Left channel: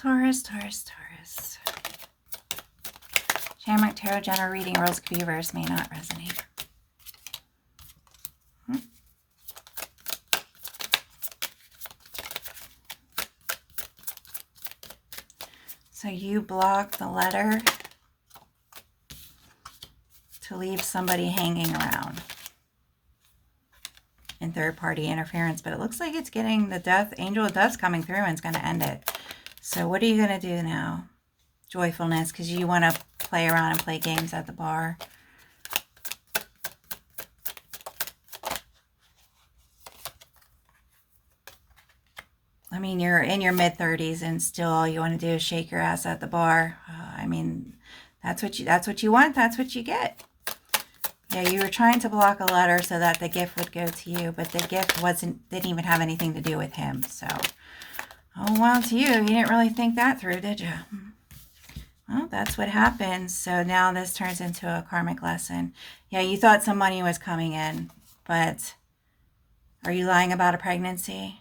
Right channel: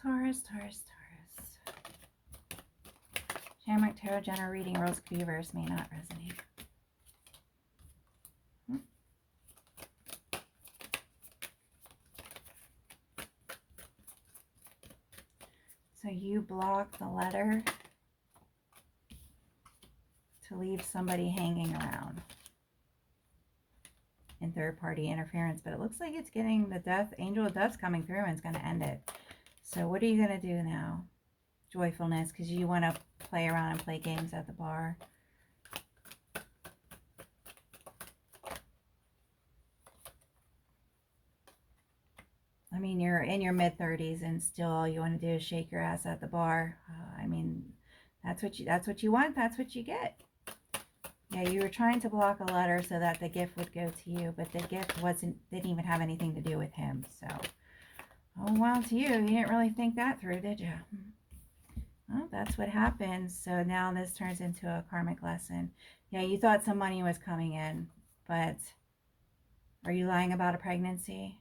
Taurus, Taurus, Taurus. Shamrock Tarot General reading rules could be reversed, may not resonate. So you block the letter to leave somebody hanging around in third-party interference, but it looks like it's getting the death, angel of death's coming through and it's going to end it. So what are you going to do now? Joyfulness, because you want to play around and play games at the bar. I mean, you're in your mid-30s and still all you want to do is shake your ass at the bar. I mean, that's what you want. That's what you get. Yeah, you were trying to block a letter so that the gift would go to you, but the gift didn't even have anything to do with him. So, oh, well, to you. You didn't really think that through, did you? Well, that's what happens. So now this turns into a karmic lesson. Yeah, you thought some money was coming in, but are you lying about a pregnancy?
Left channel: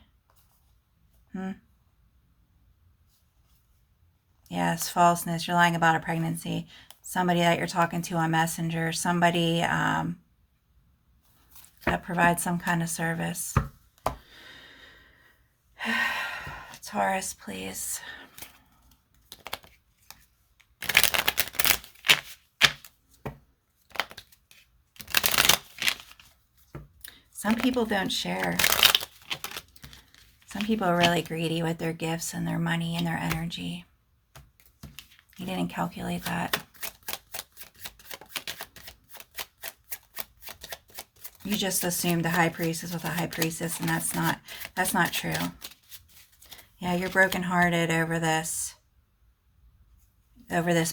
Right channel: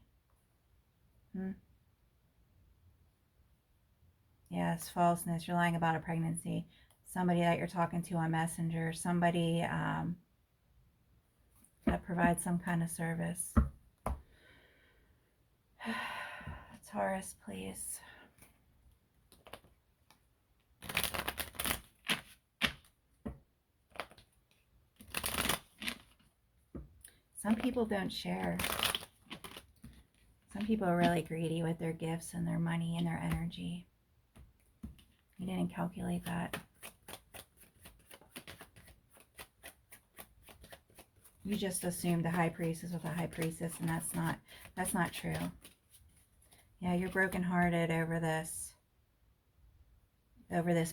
Yes, falseness. You're lying about a pregnancy. Somebody that you're talking to on Messenger. Somebody that provides some kind of service. Taurus, please. Some people don't share. Some people are really greedy with their gifts and their money and their energy. You didn't calculate that. You just assumed the high priestess with a high priestess, and that's not true. Yeah, you're brokenhearted over this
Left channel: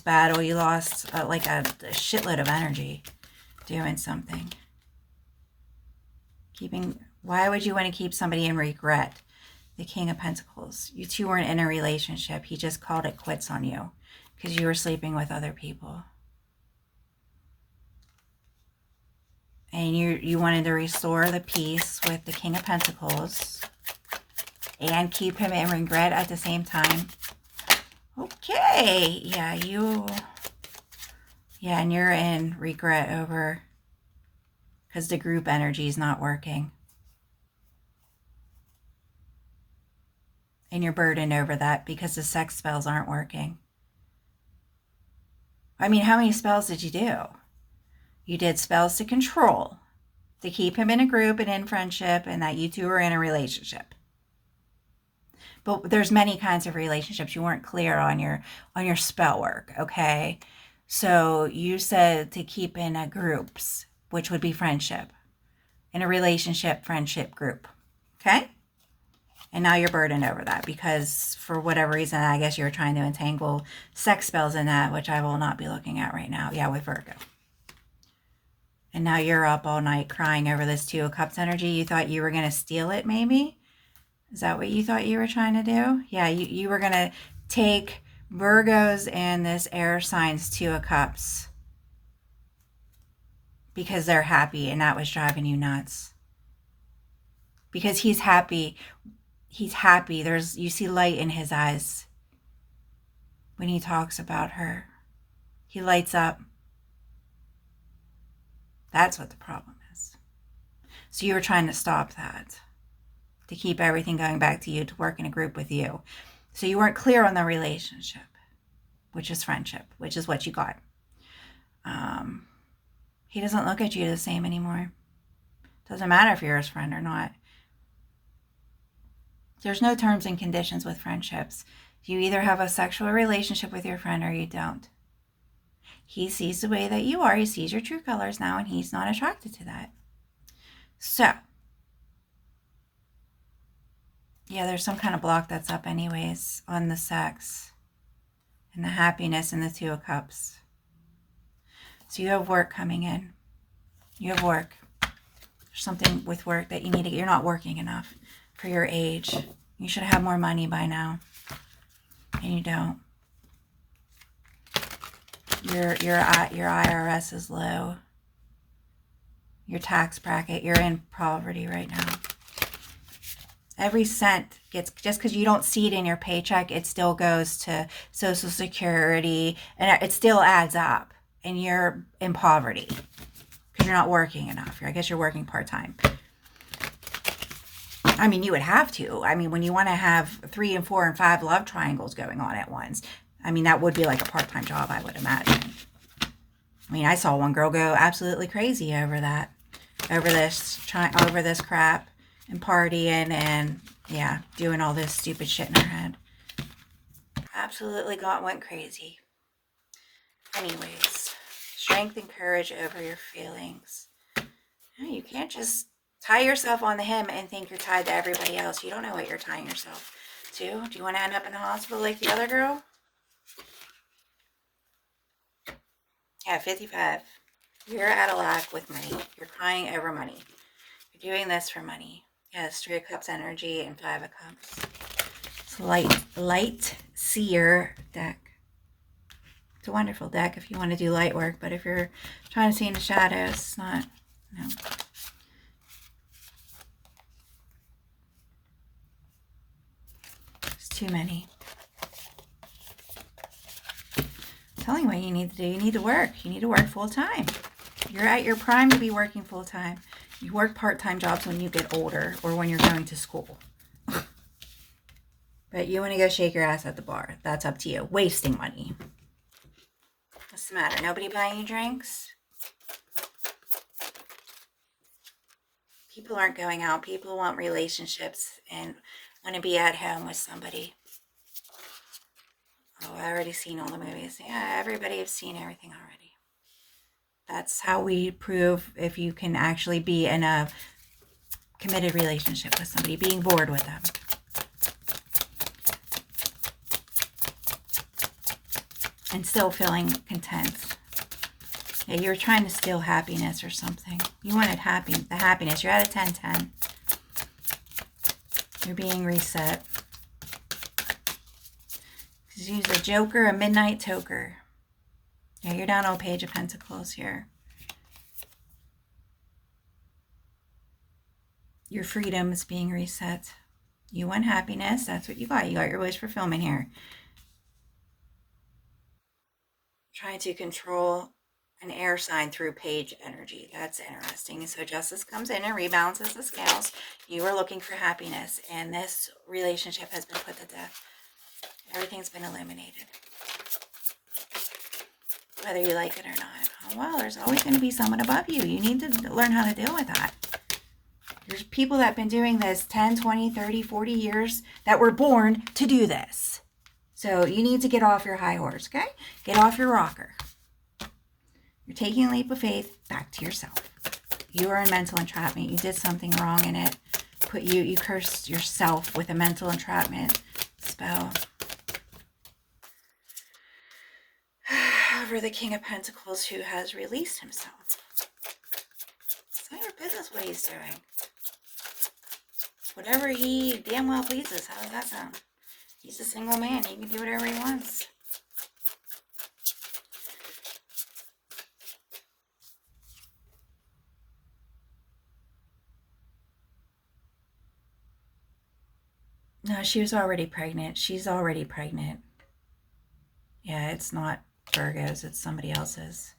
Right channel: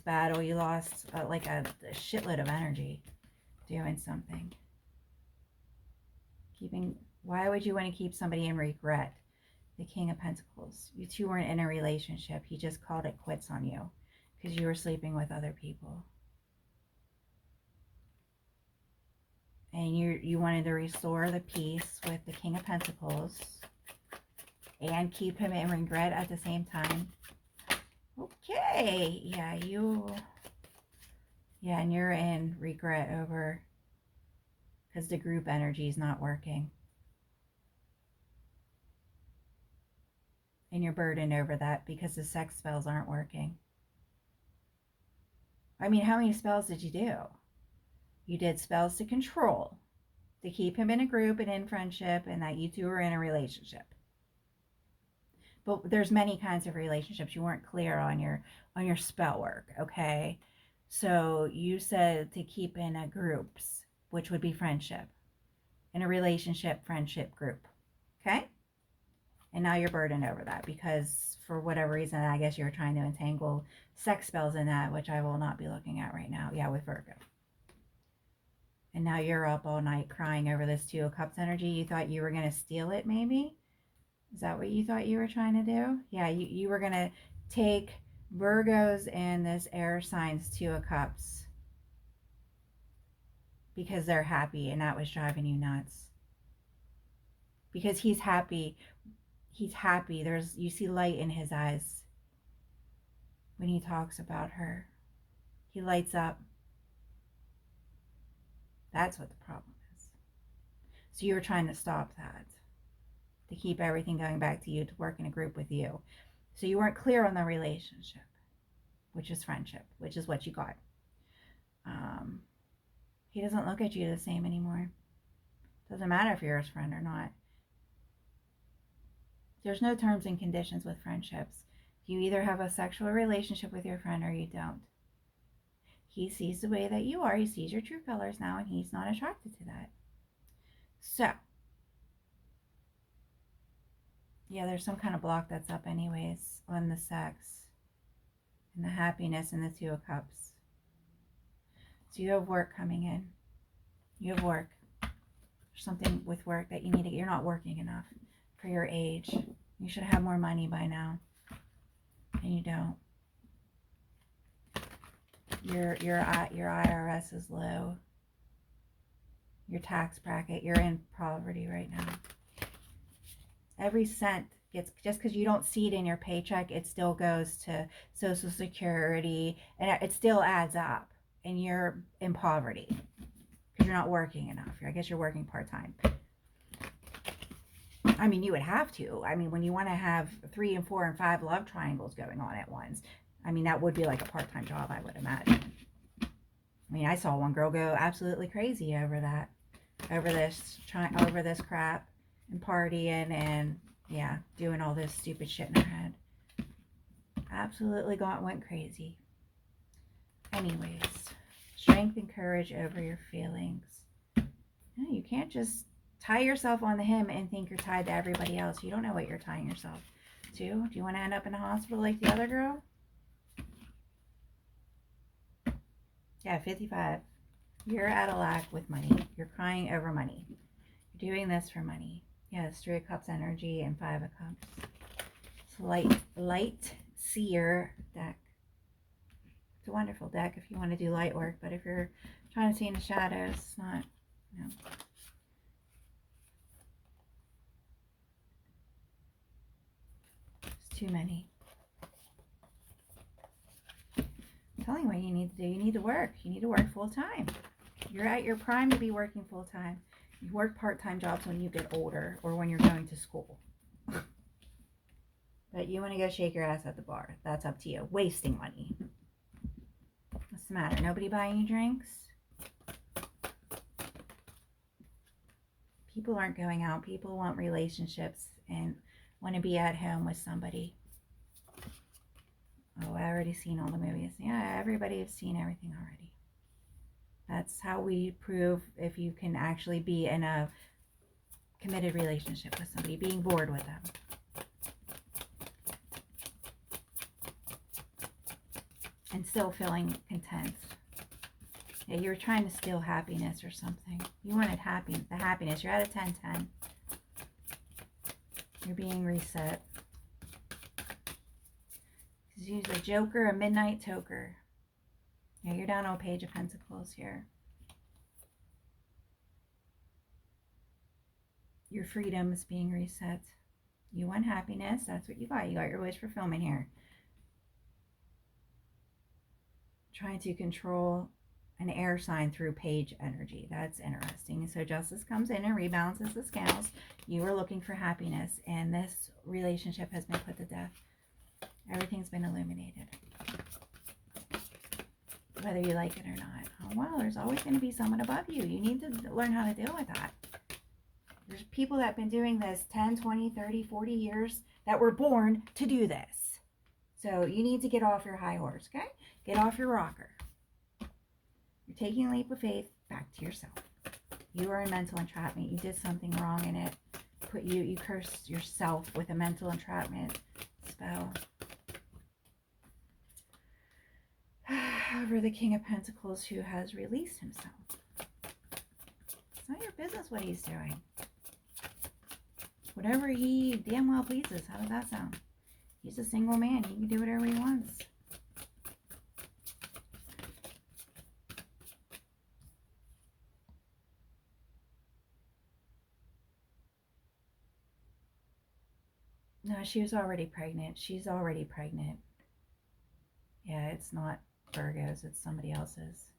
battle. You lost like a shitload of energy doing something. Why would you want to keep somebody in regret? The King of Pentacles. You two weren't in a relationship. He just called it quits on you because you were sleeping with other people. And you wanted to restore the peace with the King of Pentacles and keep him in regret at the same time. Okay. Yeah, and you're in regret over because the group energy is not working. And you're burdened over that because the sex spells aren't working. I mean, how many spells did you do? You did spells to control, to keep him in a group and in friendship, and that you two were in a relationship. But there's many kinds of relationships. You weren't clear on your spell work, okay? So you said to keep in a groups, which would be friendship, in a relationship, friendship group, okay? And now you're burdened over that because for whatever reason, I guess you're trying to entangle sex spells in that, which I will not be looking at right now. Yeah, with Virgo. And now you're up all night crying over this Two of Cups energy. You thought you were going to steal it, maybe? Is that what you thought you were trying to do? Yeah, you were going to take Virgos and this air signs Two of Cups because they're happy, and that was driving you nuts. Because he's happy. He's happy. You see light in his eyes when he talks about her. He lights up. That's what the problem is. So you were trying to stop that, to keep everything going back to you, to work in a group with you. So you weren't clear on the relationship, which is friendship, which is what you got. He doesn't look at you the same anymore. Doesn't matter if you're his friend or not. There's no terms and conditions with friendships. You either have a sexual relationship with your friend or you don't. He sees the way that you are. He sees your true colors now, and he's not attracted to that. So, yeah, there's some kind of block that's up anyways on the sex and the happiness and the Two of Cups. So you have work coming in. You have work. There's something with work that you need to get. You're not working enough for your age. You should have more money by now. And you don't. Your IRS is low. Your tax bracket, you're in poverty right now. Every cent gets, just because you don't see it in your paycheck, it still goes to Social Security, and it still adds up, and you're in poverty because you're not working enough. I guess you're working part-time. I mean, you would have to. I mean, when you want to have 3 and 4 and 5 love triangles going on at once, I mean, that would be like a part-time job, I would imagine. I mean, I saw one girl go absolutely crazy over that, over this crap, and partying and, yeah, doing all this stupid shit in her head. Absolutely went crazy. Anyways, strength and courage over your feelings. No, you can't just tie yourself on the him and think you're tied to everybody else. You don't know what you're tying yourself to. Do you want to end up in the hospital like the other girl? Yeah, 55. You're out of luck with money. You're crying over money. You're doing this for money. Yes, 3 of Cups energy and 5 of Cups. It's light seer deck. It's a wonderful deck if you want to do light work, but if you're trying to see in the shadows, it's not, no. It's too many. I'm telling you what you need to do. You need to work. You need to work full time. You're at your prime to be working full time. You work part-time jobs when you get older or when you're going to school. But you want to go shake your ass at the bar. That's up to you. Wasting money. What's the matter? Nobody buying you drinks? People aren't going out. People want relationships and want to be at home with somebody. Oh, I already seen all the movies. Yeah, everybody has seen everything already. That's how we prove if you can actually be in a committed relationship with somebody, being bored with them. And still feeling content. Yeah, you were trying to steal happiness or something. You wanted the happiness. You're at a 10-10. You're being reset. Use a joker, a midnight toker. Yeah, you're down on Page of Pentacles here. Your freedom is being reset. You want happiness. That's what you got. You got your wish fulfillment here. Trying to control an air sign through Page energy. That's interesting. So justice comes in and rebalances the scales. You are looking for happiness, and this relationship has been put to death. Everything's been eliminated. Whether you like it or not. Oh, well, there's always going to be someone above you. You need to learn how to deal with that. There's people that have been doing this 10, 20, 30, 40 years that were born to do this. So you need to get off your high horse, okay? Get off your rocker. You're taking a leap of faith back to yourself. You are in mental entrapment. You did something wrong in it. You cursed yourself with a mental entrapment spell. Over the King of Pentacles, who has released himself. It's not your business what he's doing. Whatever he damn well pleases. How does that sound? He's a single man. He can do whatever he wants. No, she was already pregnant. She's already pregnant. Yeah, it's not Virgo's, it's somebody else's.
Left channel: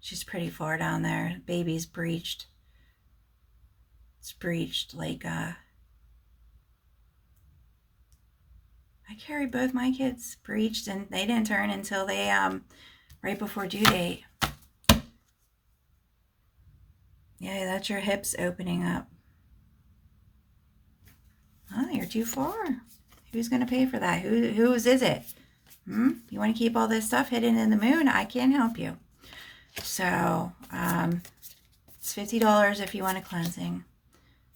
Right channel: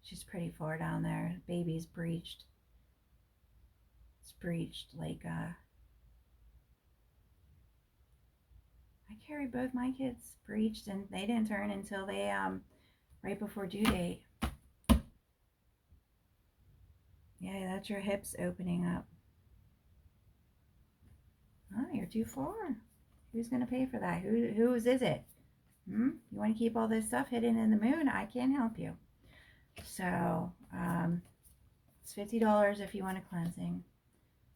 She's pretty far down there. Baby's breached. It's breached like I carried both my kids breached, and they didn't turn until they right before due date. Yeah, that's your hips opening up. Oh, you're too far. Who's going to pay for that? Whose is it? You want to keep all this stuff hidden in the moon? I can't help you. So, it's $50 if you want a cleansing.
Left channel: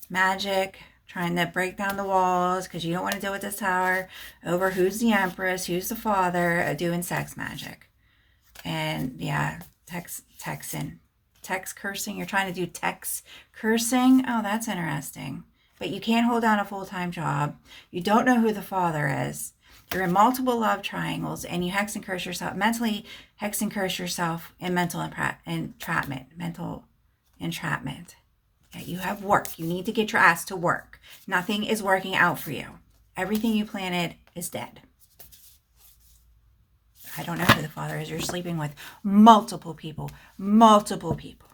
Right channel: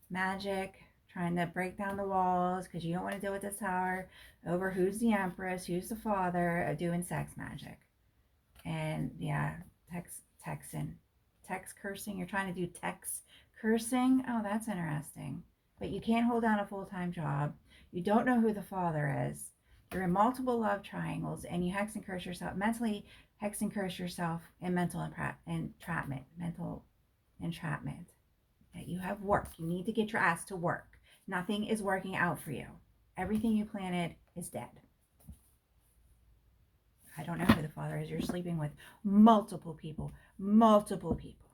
Magic, trying to break down the walls because you don't want to deal with this tower over who's the Empress, who's the father, doing sex magic. And yeah, text cursing. You're trying to do text cursing. Oh, that's interesting. But you can't hold down a full-time job. You don't know who the father is. You're in multiple love triangles, and you hex and curse yourself, mentally hex and curse yourself in mental entrapment. Yeah, you have work. You need to get your ass to work. Nothing is working out for you. Everything you planted is dead. I don't know who the father is you're sleeping with. Multiple people. Multiple people.